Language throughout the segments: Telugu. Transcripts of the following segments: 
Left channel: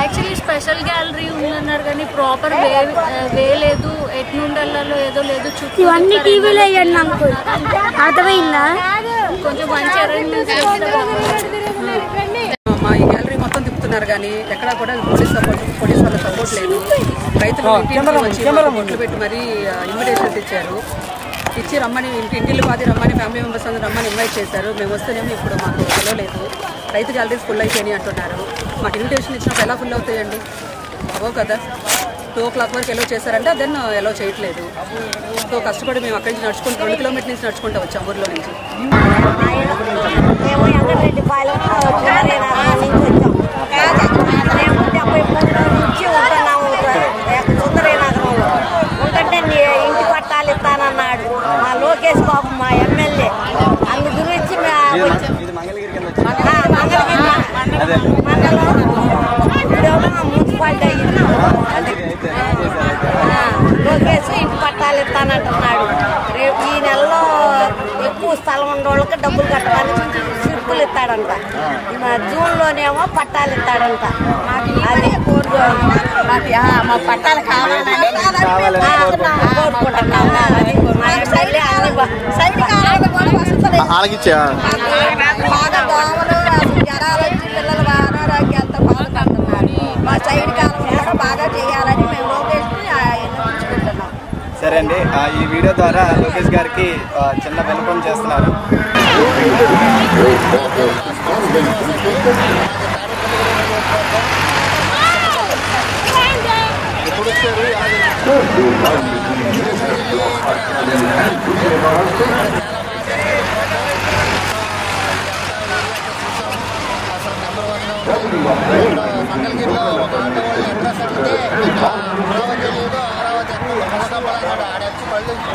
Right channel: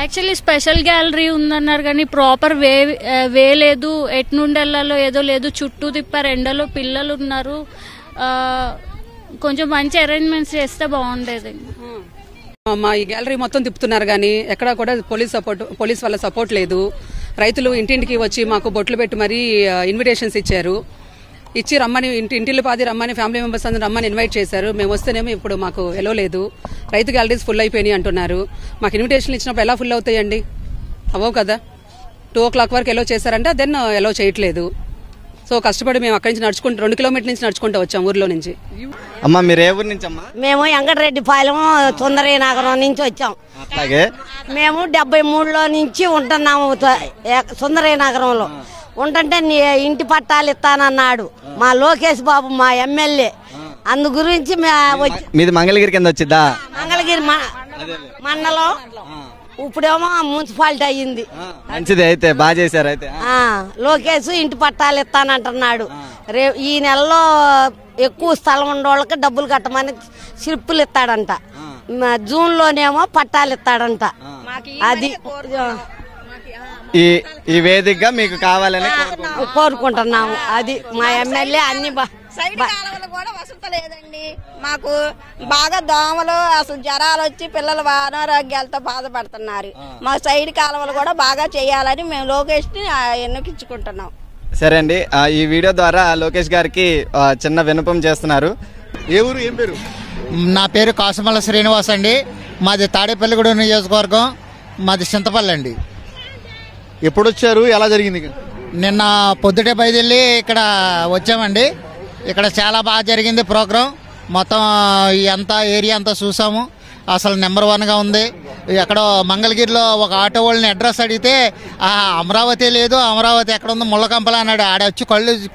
యాక్చువల్లీ స్పెషల్ గ్యాలరీ ఉందన్నారు కానీ ప్రాపర్ వే లేదు, ఎటు నుండి వెళ్ళాలో ఏదో లేదు, చుట్టూ కొంచెం మంచి అరేంజ్మెంట్స్ చేస్తే బాగుంటుంది. ఈ గ్యాలరీ మొత్తం తిప్పుతున్నారు కానీ ఎక్కడ కూడా పోలీస్ వాళ్ళ సపోర్ట్ లేదు. రైతులు ఇంటింటికి వచ్చి మాకు బొట్లు పెట్టి మరీ ఇన్విటేషన్స్ ఇచ్చారు. ఇచ్చి రమ్మని ఇంటిల్లు పాది రమ్మని ఫ్యామిలీ మెంబర్స్ అందరూ రమ్మని ఇన్వైట్ చేశారు. మేము వస్తేనేమో ఇప్పుడు మాకు అలో లేదు, రైతు గ్యాలరీస్ ఫుల్ అయిపోయినాయి అంటున్నారు. మాకు ఇన్విటేషన్లు ఇచ్చినప్పుడు ఎలా ఫుల్ అవుతాయండి? అవో కదా. 2 o'clock వరకు ఎలో చేశారంటే దెన్ ఎలో చేయట్లేదు. సో కష్టపడి మేము అక్కడి నుంచి నడుచుకుంటూ 2 కిలోమీటర్ల నుంచి నడుచుకుంటూ వచ్చాం ఊర్లో నుంచి. మేము వెంకటరెడ్డిపాలెం సుందరీనగరం నుంచి వచ్చాం. మేము 73లో నుంచి ఉంటున్నాము సుందరీనగరంలో. ఉంటుంటే ఇంటి పట్టాలు ఇస్తానన్నాడు మా లోకేష్ బాబు, మా ఎమ్మెల్యే. అందు గురించి మీది మంగళగిరి కింద వచ్చిందా? మంగళగిరి మండలం, ఇప్పుడేమో మున్సిపాలిటీ అయ్యింది. మంచిది, అయితే బాగా చేశారు. అయితే లోకేష్ ఇంటి పట్టాలు ఇస్తానంటున్నాడు. రేపు ఈ నెలలో ఎక్కువ స్థలం ఉన్న వాళ్ళకి డబ్బులు కట్టమని స్లిప్పులు ఇస్తాడంట. జూన్లోనేమో పట్టాలు ఇస్తాడంట. అది ఈ వేదికగా మీకు కావాలని కోరుకుంటున్నాము. అది బాగా దోమలు, జ్వరాలు వచ్చి పిల్లలు అనారోగ్యాలతో బాధపడుతున్నారు. మా సైడ్ కాలంలో కూడా బాగా చేయాలని మేము లోకేష్ని ఎన్నుకుంటున్నాం. సరే అండి, ఈ వీడియో ద్వారా లోకేష్ గారికి చిన్న విన్నపం చేస్తున్నారు. నా పేరు కాసుమల్ల శ్రీనివాస్ అండి. మాది తాడేపల్లిగూడెం నియోజకవర్గం, మాది చింతపల్లి అండి. ఎప్పుడు వచ్చారు? ఎలా జరిగింది? నిన్న పొద్దుటే బయలుదేరి ఇక్కడ వచ్చామండి. ఇక్కడ చాలా బాగా జరిగింది ప్రోగ్రాం. మొత్తం ఏరియా అంతా చూసాము. అసలు నెంబర్ 1గా ఉంది. ఎక్కడో మంగళగిరిలో ఒక ఆటో వాళ్ళని అడ్రస్ అడిగితే అమరావతి లేదు, అమరావతి ఎక్కడ ఉంది ముళ్ళకంపలు అన్నాడు. ఆడ వచ్చి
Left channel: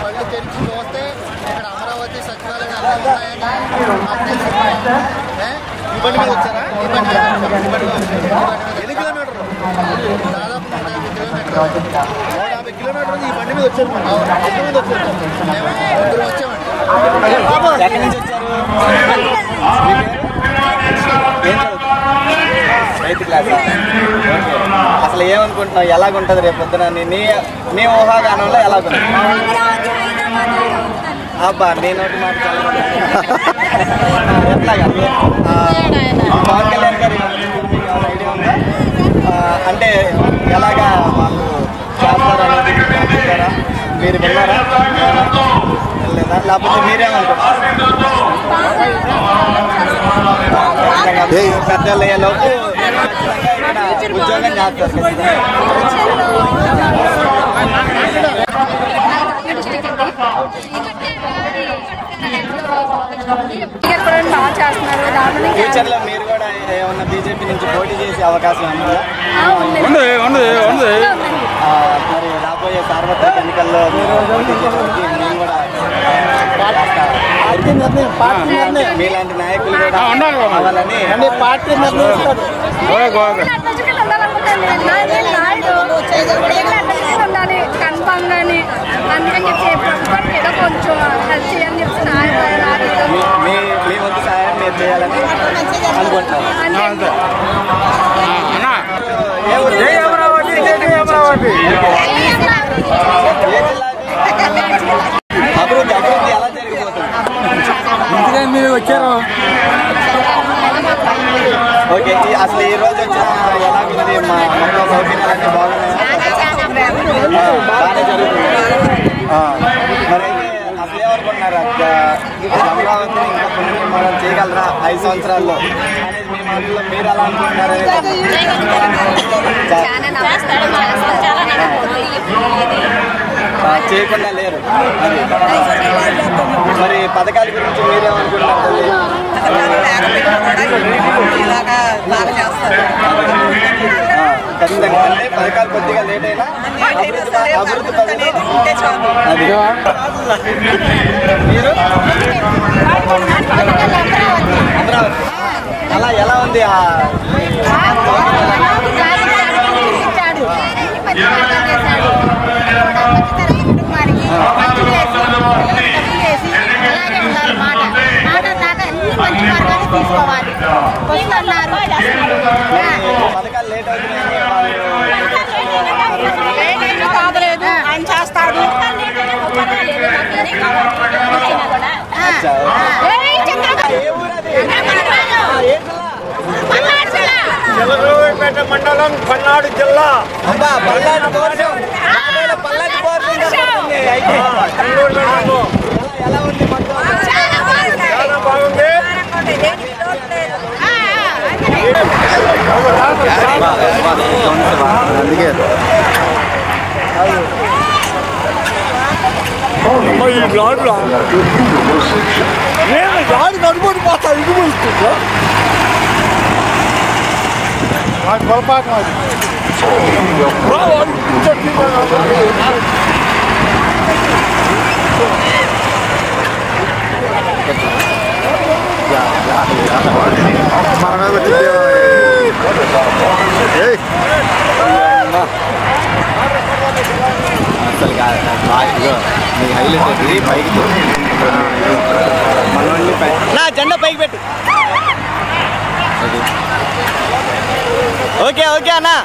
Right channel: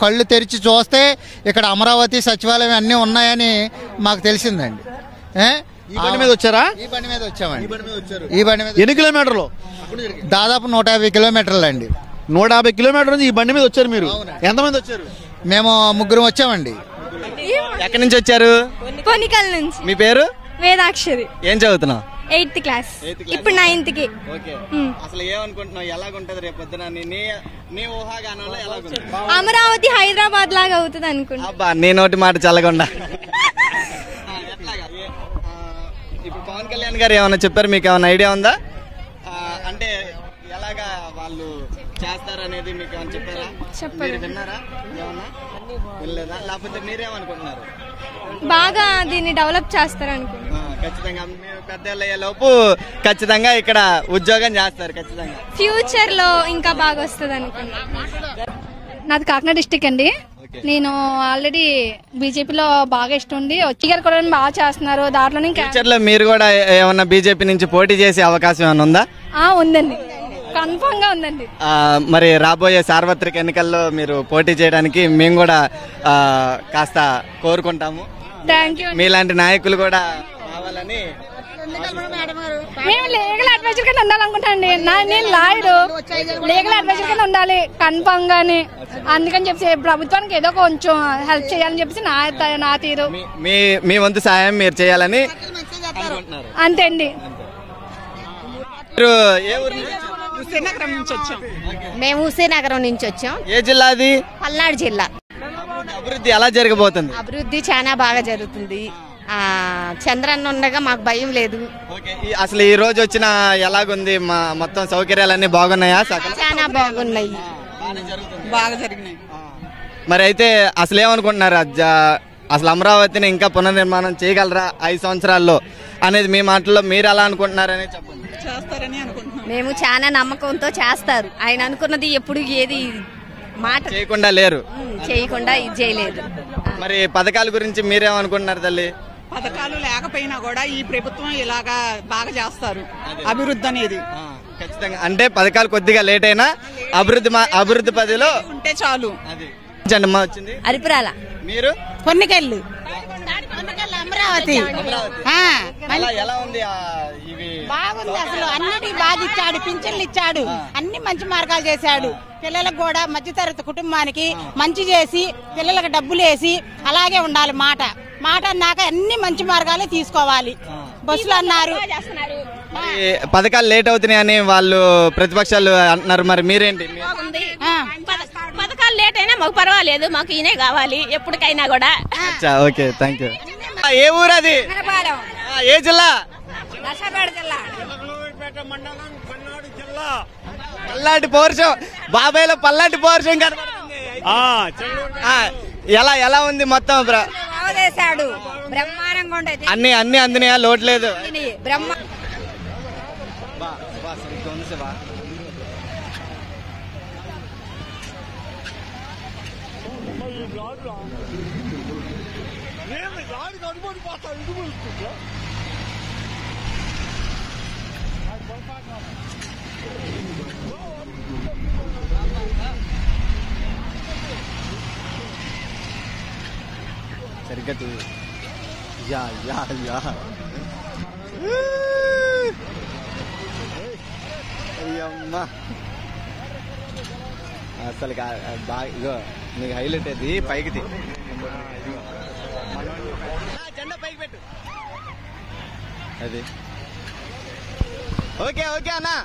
కళ్ళు తెరిచి చూస్తే ఇక్కడ అమరావతి సచివాలయం అన్నీ ఉన్నాయని మాకు తెలిసింది. ఈ బండి మీద వచ్చారా? ఈ బండి ఎన్ని కిలోమీటర్లు? దాదాపు 150 కిలోమీటర్లు అండి. 150 కిలోమీటర్ల నుంచి ఈ బండి మీద వచ్చారు మీరు? ఎంతమంది వచ్చారు? మేము 3 వచ్చామండి. ఎక్కడి నుంచి వచ్చారు? మీ పేరు? ఏం చదువుతున్నాం? 8th class. అసలు ఏమనుకుంటున్నావు? ఎలాగుంటది రేపు పొద్దున? నీ ఊహాగానంలో ఎలాగుంది? అమరావతి హైదరాబాద్ లాగా అవుతుంది. అబ్బా, నీ నోటి మాట చల్లకుండా. పవన్ కళ్యాణ్ గారు ఏమన్నా చెప్పారు? మీకు ఏమైనా ఐడియా ఉందా? అంటే ఎలాగా వాళ్ళు చేస్తారనేది మీకు చెప్తారా? మీరు విన్నారా? వెళ్ళలేదా? లేకపోతే మీరేమనుకుంటారు? పెద్దలు అయ్యేలోపు ఖచ్చితంగా ఇక్కడ ఉద్యోగం చేస్తారు. ఫ్యూచర్లో ఇంకా బాగా. నాది కాకినాడ డిస్టిక్ అండి. నేను ఆల్రెడీ బీజేపీలో బాగా ఇష్టం ఉండి బాగా చేస్తున్నారు. ఫ్యూచర్లో మీరు కూడా ఏమన్నా బీజేపీ నుంచి పోటీ చేసే అవకాశం ఏమైనా ఉందా? మరి రాబోయే సార్వత్రిక ఎన్నికల్లో మీరు పోటీ చేయడానికి మేము కూడా కాస్త కోరుకుంటాం. మీలాంటి నాయకులు కూడా కావాలని. ఉండాలి కన్ఫామ్ గాని, అందుకని చెప్పి ప్రభుత్వానికి ఏదో కొంచెం హెల్ప్ చేయాలని చెప్పి మీ వంతు సాయం మీరు చేయాలని అనుకుంటున్నాను. అంతే అండి. ఏ జిల్లా అది? అభివృద్ధి ఎలా జరగబోతుంది? ఓకే, అసలు ఈ రోజు వచ్చిన ఎలాగుంది? మొత్తం సౌకర్యాలన్నీ బాగున్నాయా? మరి అయితే అసలు ఏమనుకుంటున్నారు? అసలు అమరావతిని ఇంకా పునర్నిర్మాణం చేయగలరా 5 సంవత్సరాల్లో అనేది మీ మాటల్లో మీరు ఎలా అనుకుంటున్నారు? చేయకుండా లేరు. మరి పథకాల గురించి మీరేమనుకుంటున్నారు తల్లి? ఖచ్చితంగా అంటే పథకాలు కొద్దిగా లేట్ అయినా అభివృద్ధి పదిలో అది. మీరు అలా ఎలా ఉంది? మంచి చేసి పిల్లలకు డబ్బులు వేసి అలాగే ఉండాలి. మాట అన్నాక అన్ని మంచి మార్గాలు తీసుకు చేసుకోవాలి. బస్సులు అన్నారు పథకాలు లేట్ అవుతున్నాయని వాళ్ళు ప్రతిపక్షాలు అంటున్నారు. మరి మీరేం రాలేదు ఆయన చేస్తాడు. పథకాలు లేట్ అయినా మాకు పర్వాలేదు, మాకు ఇదే కావాలి ఎప్పటికైనా కూడా. Okay, thank you. ఏ ఊరు అది? ఏ జిల్లా? మండలం పల్నాడు జిల్లా. అబ్బా, పల్నాటి పౌరుషం. యాభైలో పల్నాటి పౌరుషం కదా. ఎలా ఉంది మొత్తం? బాగుంది. అన్ని అందినాయా? లోటు లేదు. అందుకే ఈ రాడ్లా నేను రాడు నడుబడి పోతా ఇటు పోతుందా నాకు పొరపాటు నా జెండా పైకి పెట్టు. ఓకే అన్నా.